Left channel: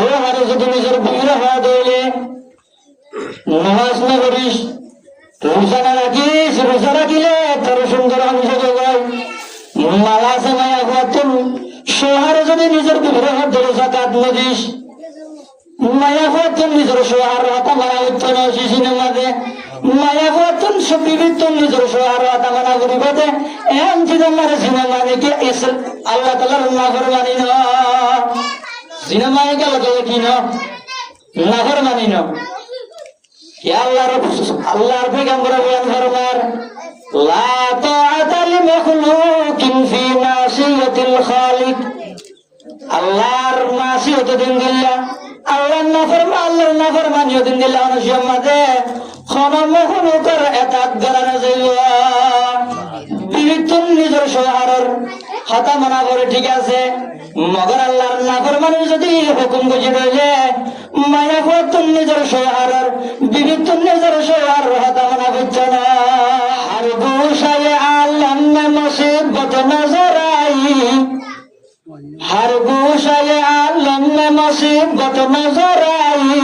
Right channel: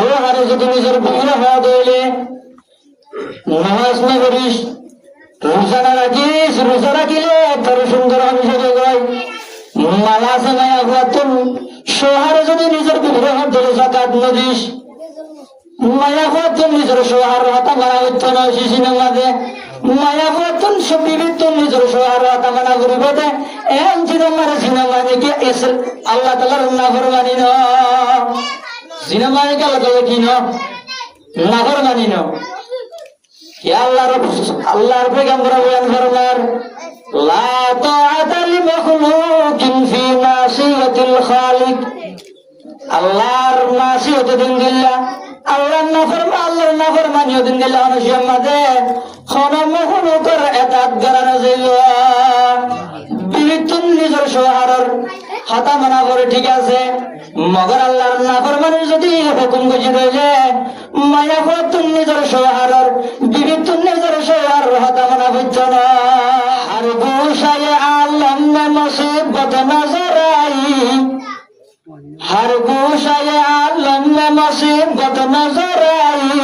সোহারে যদি নিজের বিগ্রহ হওয়া দইলে নামাজ না করিস, রোজা না রাখিস, রোজা রাখিলে তোর সুন্দর অংশ জগায় মালা আছে মায়া হওয়ার সোহারে যদি নিজের বিগ্রহ ধরে জাকাত না দিস, মায়া হওয়ার নিজের সোহার হাতা মারা হইত না শিশি নামাজে মায়া হওয়ার সব বিবিধ নিজের সোহার হাতা মানা করিবে দে এমন সিনেমারে সিনেমানিকে এসে আল্লাহ তালার নাফর মানি ন সিনেমানিকে আল্লাহ কি ন নাফর মানি ন আল্লাহর পেগাম্বর বয়ান ফরমার লা তাআতা লিমাখলুকিন ফি মাসিয়াতিল খালিক। আল্লাহর মাসিয়ত দিন দিল্লা আল্লাহর নাফরমানিও দিন দিল্লা মানুষের মাঝে খনমখনুকর এতাত গরানো যাইব বিবিতুন নিজের সোহারের হাতা মানা করে ঠিক আছে, মগর আল্লাহর নাফরমানির যদি হুকুম বুঝি দিলে মায়া ফুয়াতুন নিজের সোহারের বিবিতুন নিজের সোহারের হাতা মানা বুঝত না। আর গুশায় আলম মুসিবত নজরাই, हर गोशाए आलम में मुसीबत नजर आई,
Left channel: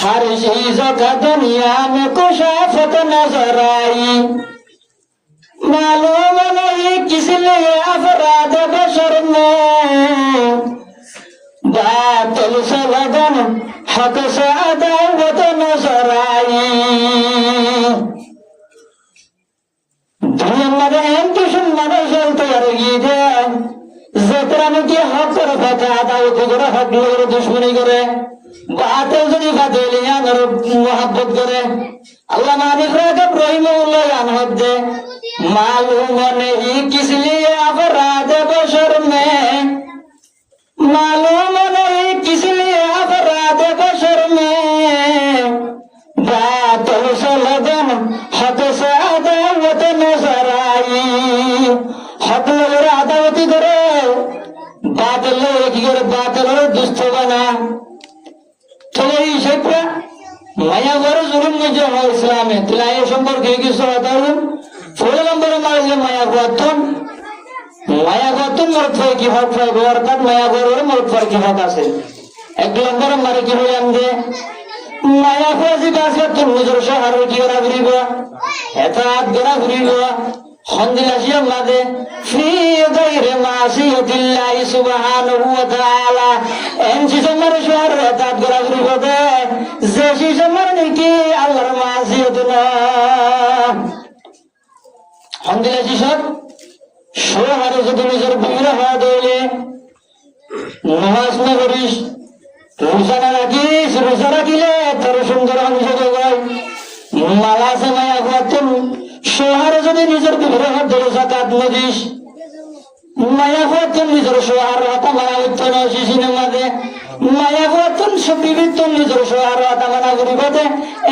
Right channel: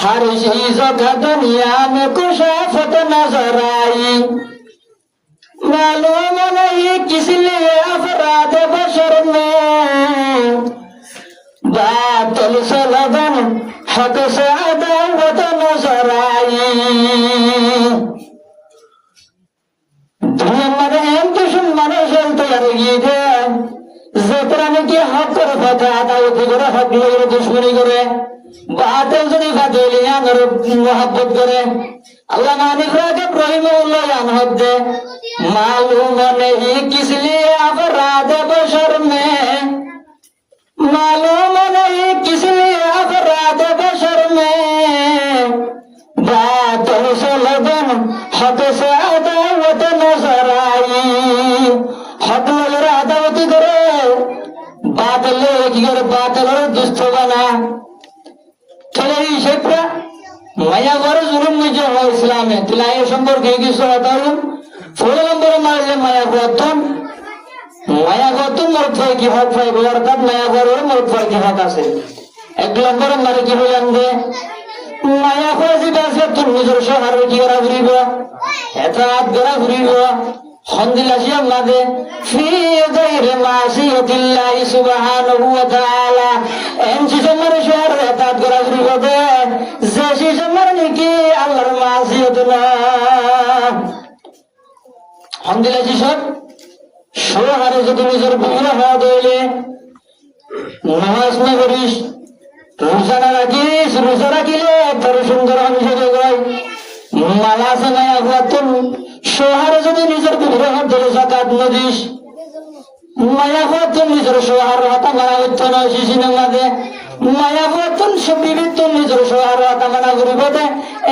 हर चीज का दुनिया में कुशाफत नजर आई। मालूम नहीं किस लिए अफराद बशर में बातिल से लगन हक से अदावत नजर आई। दुनिया में एम दुश्मन चलते यार যেটাকে হকের কথা আদালতে করে হক লোকের দুশ্মনী করে বাতেল যদি ফাতেলি আনর মোহাব্বত করে আল্লাহ মানিক রাখে রহিমউল্লাহ আনহদ দে मालूम नहीं किस लिए अपराध बशर में, मालूम नहीं किस लिए अपराध बशर में बातल से लगन हक से अदावत नजर आई। हक लोगेर আদাওয়াতি করে বাতিল কি করে বাতিলের দুষ্ট বানা চলে এই শেখরা মায়া করে জুলুম নিজে হয় ইসলামে তিলাই সম্পর্কে কিছু হতালুম 16 নম্বরে মারলে মায়া গর্তন মর্দ কি হক হয় অর্থাৎ মায়া গরের মর্দ কি হক আছে। 1 নম্বরে মারে কি বলেন যে মায়া ফাজি বাসে তুমি নিজের শহরে কি করা ঘুরিব এত হাত ধরা ঘুরিব খন্দিলাসিয়ার মাঝে ফি গায়রি মাসিয়াতিল্লাহি সুবহানাহু ওয়া তাআলা এনজি জমার শহর এতাত করা শুরু করে যে জমার নাকি আল্লাহর মাসিয়াত না খন্দিলাসি সব শহরে যদি নিজের বিগ্রহ হওয়া দইলে নামাজ না করিস, রোজা না রাখিস, রোজা রাখিলে তোর সুন্দর অংশ জগায় মালা আছে মায়া হওয়ার সোহারে যদি নিজের বিগ্রহ ধরে জাকাত না দিস, মায়া হওয়ার নিজের সোহার হাতা মারা হইত না শিশি নামাজে মায়া হওয়ার সব বিবিধ নিজের সোহার হাতা মানা করিবে দে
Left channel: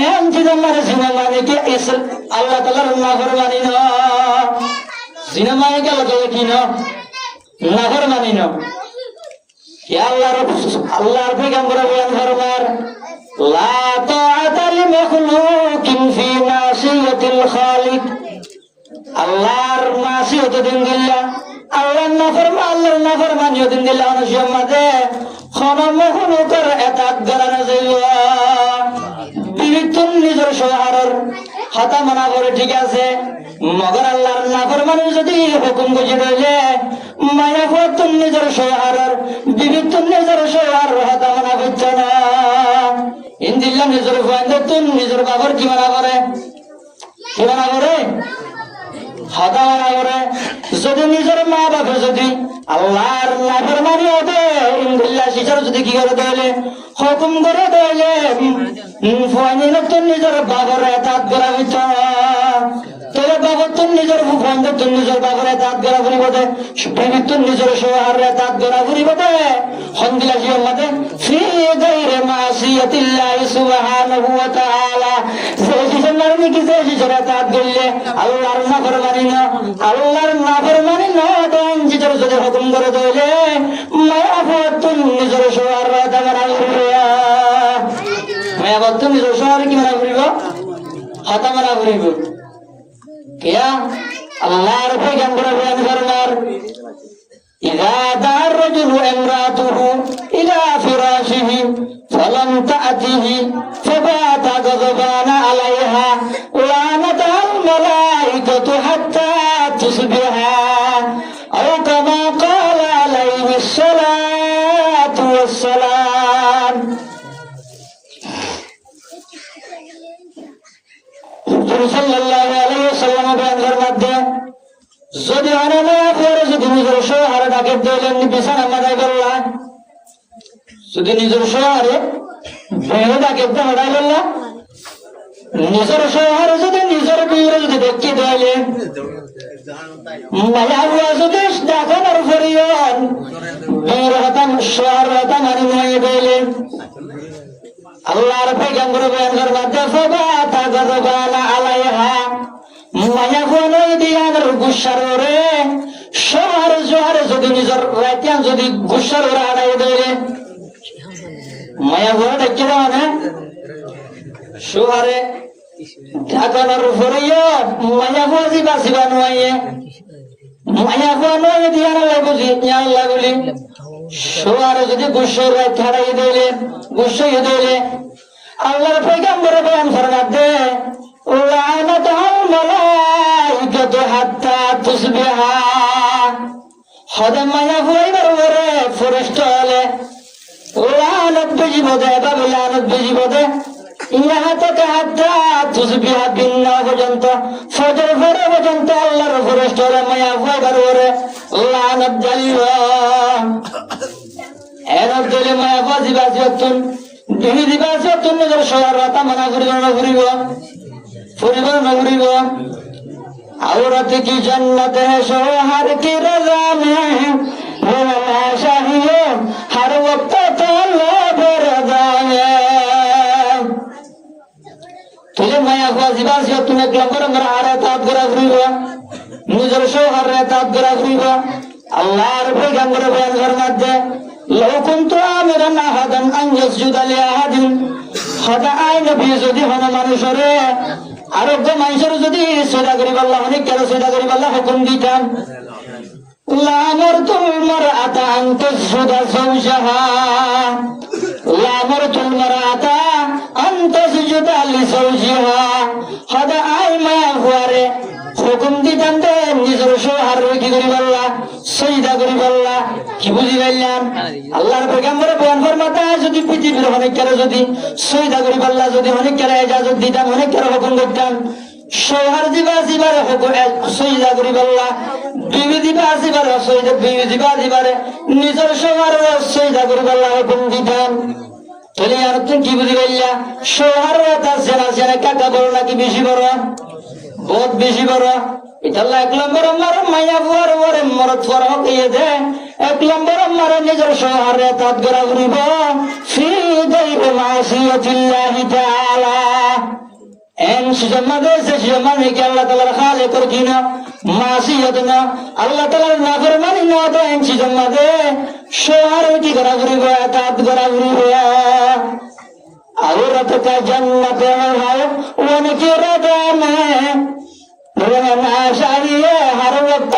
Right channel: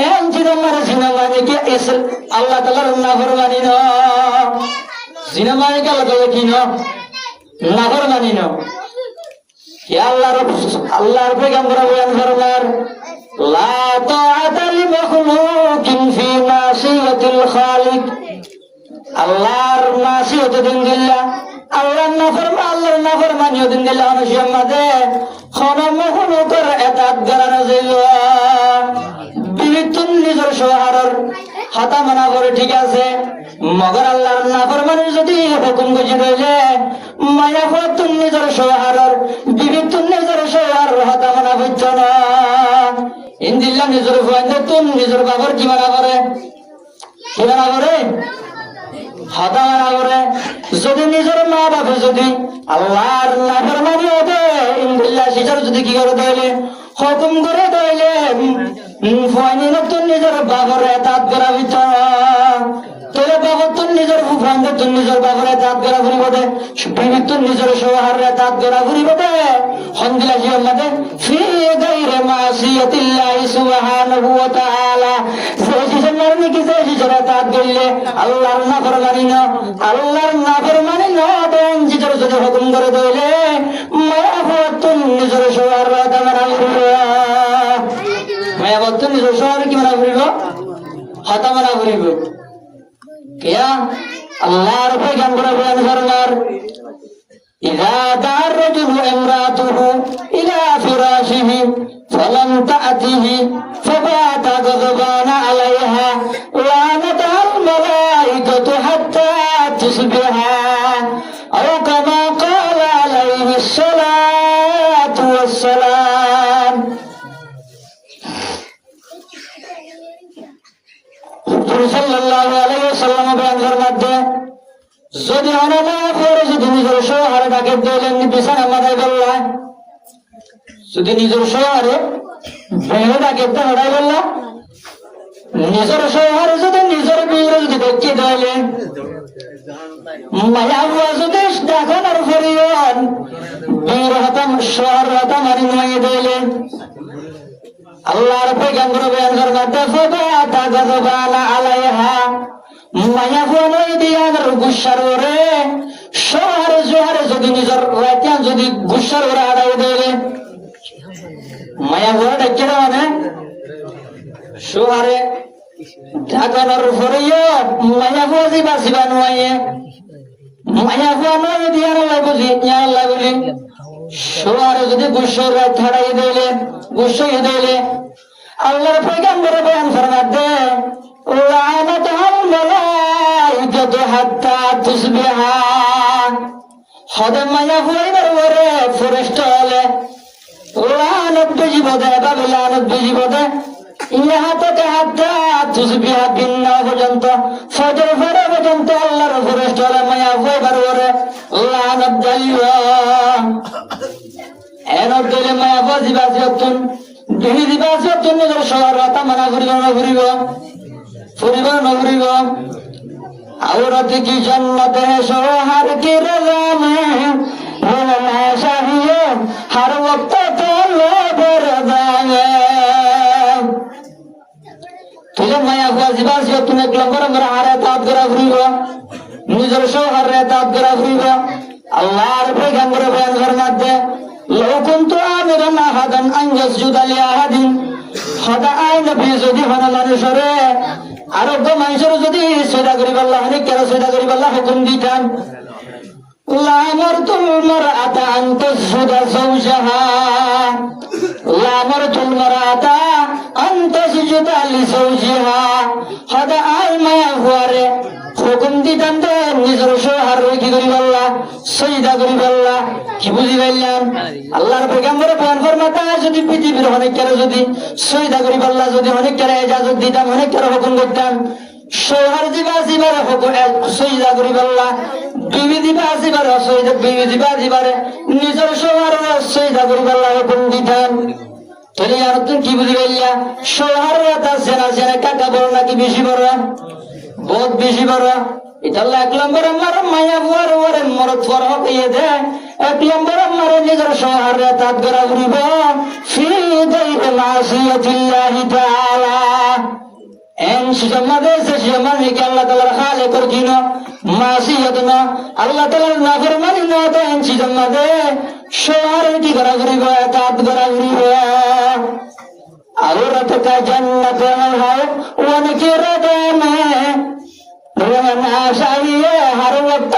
এমন সিনেমারে সিনেমানিকে এসে আল্লাহ তালার নাফর মানি ন সিনেমানিকে আল্লাহ কি ন নাফর মানি ন আল্লাহর পেগাম্বর বয়ান ফরমার লা তাআতা লিমাখলুকিন ফি মাসিয়াতিল খালিক। আল্লাহর মাসিয়ত দিন দিল্লা আল্লাহর নাফরমানিও দিন দিল্লা মানুষের মাঝে খনমখনুকর এতাত গরানো যাইব বিবিতুন নিজের সোহারের হাতা মানা করে ঠিক আছে, মগর আল্লাহর নাফরমানির যদি হুকুম বুঝি দিলে মায়া ফুয়াতুন নিজের সোহারের বিবিতুন নিজের সোহারের হাতা মানা বুঝত না। ইন্দিল্লা নিজের ফুয়াদের তুন নিজের বাবার কি মানা করে কি মানা করে হাতা মানা করে। যদি নিজের মা বাপে যদি আল্লাহর নাফরমানি হবে ইন্দিল্লা শিশার যদি কি করে দেয় হুকুম করে দেয় ফুয়ানি নতুন নিজের বাবার এতাত করা হইত তোর বাবার তুন নিজের ফুয়ানদের তুন নিজের বাবার এতাত করা ঘুরিব দে বিবির তুন নিজের সোহার এতাত করা ঘুরিব দে খন্দিলাসিয়ার মাঝে ফি গায়রি মাসিয়াতিল্লাহি সুবহানাহু ওয়া তাআলা যে শিশার নাকি যে শিশার এতাত করলে আল্লাহর নাফরমানি না আল্লাহর নাফরমানি না দেন জিতর যদি হুকুম করে দিলে মায়া ফুয়াতুন নিজের সোহার এতাত মারা ঘুরিব মায়া ফুয়াতুন নিজের সোহার কি মারা ঘুরিব হাতা মারা ঘুরিব क्या अल्लाह रब्बुल पैगंबर बयान फरमार इज़ा दार रजुलु इमरातुहु इला لم تأته فبات غضبان عليها لعنتها الملائكة حتى تصبح أو كما قال عليه الصلاة والسلام সাল্লাল্লাহু আলাইহি ওয়াসাল্লাম বয়ান ফরমাতে যদি আনামা করে যদি নিজের শোহারে তাকে দিলেন বিছানা মাথায় বললা যদি নিজের শোহারে বেড়ে তাকে দাঁড়ায় বললা নিজের শোহারে যদি নিজের বিয়ে যদি দেখতে দিলেন মায়া হুয়া যদি দেখানোর ফরিয়ান বীর হতাম শোহার হতাম আর নয় দিলেন আল্লাহর পয়গম্বর বয়ান ফরমাতে ফাবাতা গাযবানা আলাইহা মায়া কোনই দিয়ার গুসার ওরে শহর জোয়ারে যদি নিজের রাতিয়ান যদি গুসার ওরে আড়াই দেয় মায়া ঘোড়া ডেকে মানে শহরে ঢাকানোর ফরিও মায়া বাজি বাসিবা নয় মায়া কোনই দিয়ার লাই বুঝি আল্লাহ বলি শহরে যদি গুসার রাত ছাড়াই দিলে গুসাই দিলে আল্লাহর পয়গম্বর বয়ান ফরমাতে লানাতুল মালাইকাতু হাত্তা তুসবিহা হদম মায়া হইবার ওরে ফেরেশতা হলে লানত বিজিবদে বাবা লানত বিজিবদে ইহা থেকে হাত্তা তুসবিহা বিন্না পর্যন্ত ফজর পরে পর্যন্ত আল্লাহর ফেরেশতা হলে মায়া হইবার ওরে লানত দাইওয়া এর দিলে মায়া বাজি বাজি অতুন দুই দিবাসে অতুন নিজের শহর রাতা মানা করিব না করিব ফুরিব না ফুরিব औरत की जन्नत है शोहर की रज़ा में वो ना चाहिए हर वक्त तो लोग रज़ा में तुझे माया हुआ जीवन से तूने एक लंबर मेरा हारे ताप करा फुरीब निजर शोहर रे ताप करा फुरीब अल्लाह रुपए गंगर बयान करना दे لو كنت آمرا أحدا أن يسجد لأحد خدا آي نبي যদি হনা মানুষরে আরোগ্য মানুষের যদি সদা করিব আল্লাহ অনেক কেন সদা করিব আল্লাহ হুকুম দিতাম লামারতুল মারআতা আন তাসজুদা যাওজাহা লামারতুল মারআতা আন তাসজুদা লিযাওজিহা খদা আই মায়া হুয়ারে হুকুম দিতাম দে নিজের শোহার কি করিব আল্লাহ সজদা করিব আল্লাহ কি বুঝি গেলেন আল্লাহর পয়গম্বর বয়ান ফরমাতা যদি পৃথিবীর অনেক কেন যদি সজদা করিব আল্লাহ যদি অনেক কেন ইজাজত দিতাম অনেক কেন হুকুম করতাম শোহার দিবা দিবারে হুকুম সজদা করিব আল্লাহ বিবি দিবা দিবারে সজদা বিবি দিবা দিবারে নিজের শোহার সজদা করিব আল্লাহ হুকুম দিতাম তাহলে আর তুমি কি বুঝি গেলা শোহার তা সেনা সেনা কাটা বড় নাকি বেশি বড় বহুত বেশি বড় এটা এক নম্বর আমার মায়া বুয়ার ওরে মরত ফরক ইয়ে দে এক নম্বর আমার নিজের শহরে তাত করা ঘুরিব ফি গায়রি মাসিয়াতিল্লাহি তাআলা এন সুজমাদে সুজমানি কে আল্লাহ তাআলার খালিকর কিনা মাসিয়াত না আল্লাহ তাআলার নাফরমানি না দে এন সুজমাদে শহরে কি করা ঘুরিব তাত করা ঘুরিব औरत का जन्नत है उनकी रज़ा में रहना चाहिए हर वक्त